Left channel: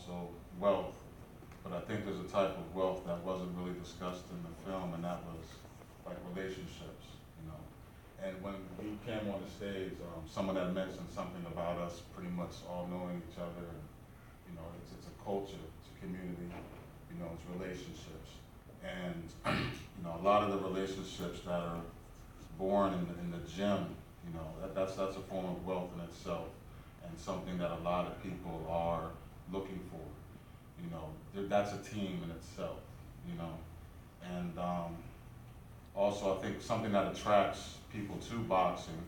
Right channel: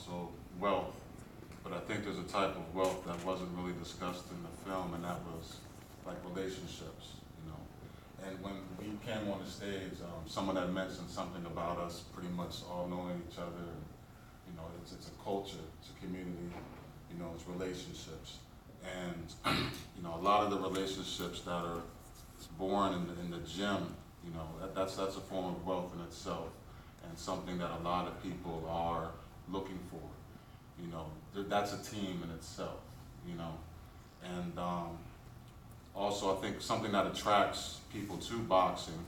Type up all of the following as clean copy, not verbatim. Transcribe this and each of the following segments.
also wealth. But I think there's a type of wealth that wasn't really discussed in the film, and that was like relationships, you know. And when we came on the stage, someone had mentioned something about us pretty much all knowing each other. And, you know, it's a culture, it's a community, you know, it's relationships. And, you know, a lot of the relationships that are born in the gym, you know, that's a form of wealth in itself, and something that a lot of people are looking for. You know, that's a team in itself, you know. And also I think something that attracts people to boxing,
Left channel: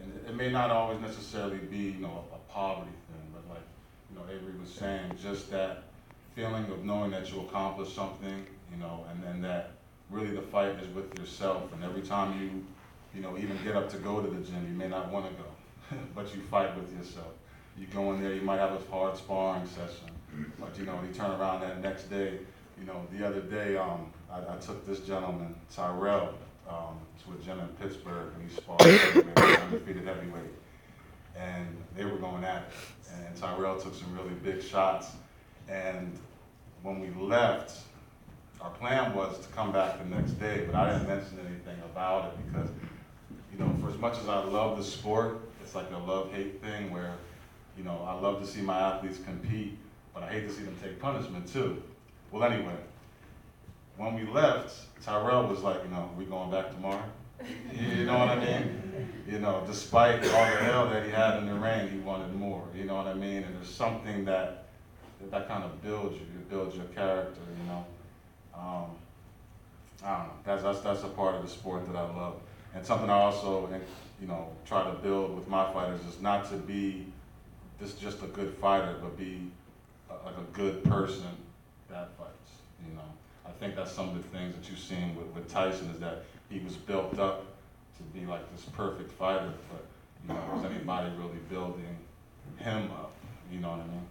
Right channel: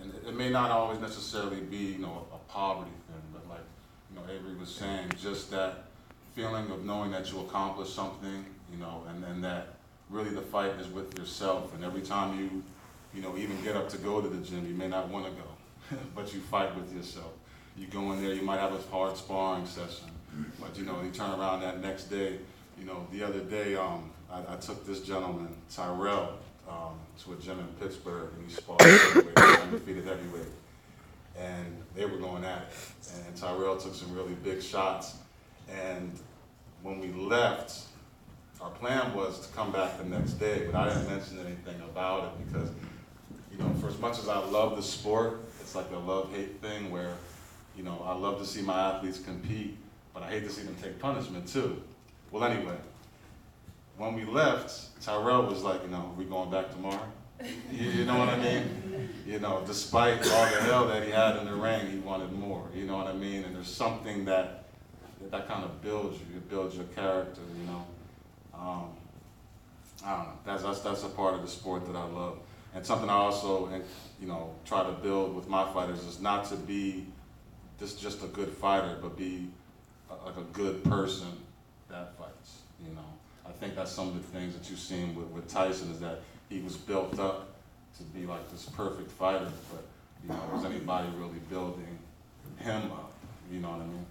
and it may not always necessarily be, you know, a poverty thing, but like, you know, Avery was saying, just that feeling of knowing that you accomplished something, you know, and then that really the fight is with yourself, and every time you know, even get up to go to the gym, you may not want to go, but you fight with yourself. You go in there, you might have a hard sparring session, but you know, you turn around that next day. You know, the other day, I took this gentleman, Tyrell, to a gym in Pittsburgh, and he sparred undefeated heavyweight, and they were going at it, and Tyrell took some really big shots, and when we left, our plan was to come back the next day, but I didn't mention anything about it because, you know, for as much as I love the sport, it's like a love-hate thing where, you know, I love to see my athletes compete, but I hate to see them take punishment too. Well, anyway, when we left, Tyrell was like, you know, we going back tomorrow? You know what I mean? You know, despite all the hell that he had in the ring, he wanted more, you know what I mean? And there's something that kind of builds you, it builds your character, you know? I don't know, that's a part of the sport that I love. And something I also, you know, try to build with my fighters is not to be just a good fighter, but be like a good person that fights, you know. I think that's some of the things that you've seen with Tyson, is that he was built up to be like this perfect fighter, but, you know, was anybody really building him up, you know what I mean?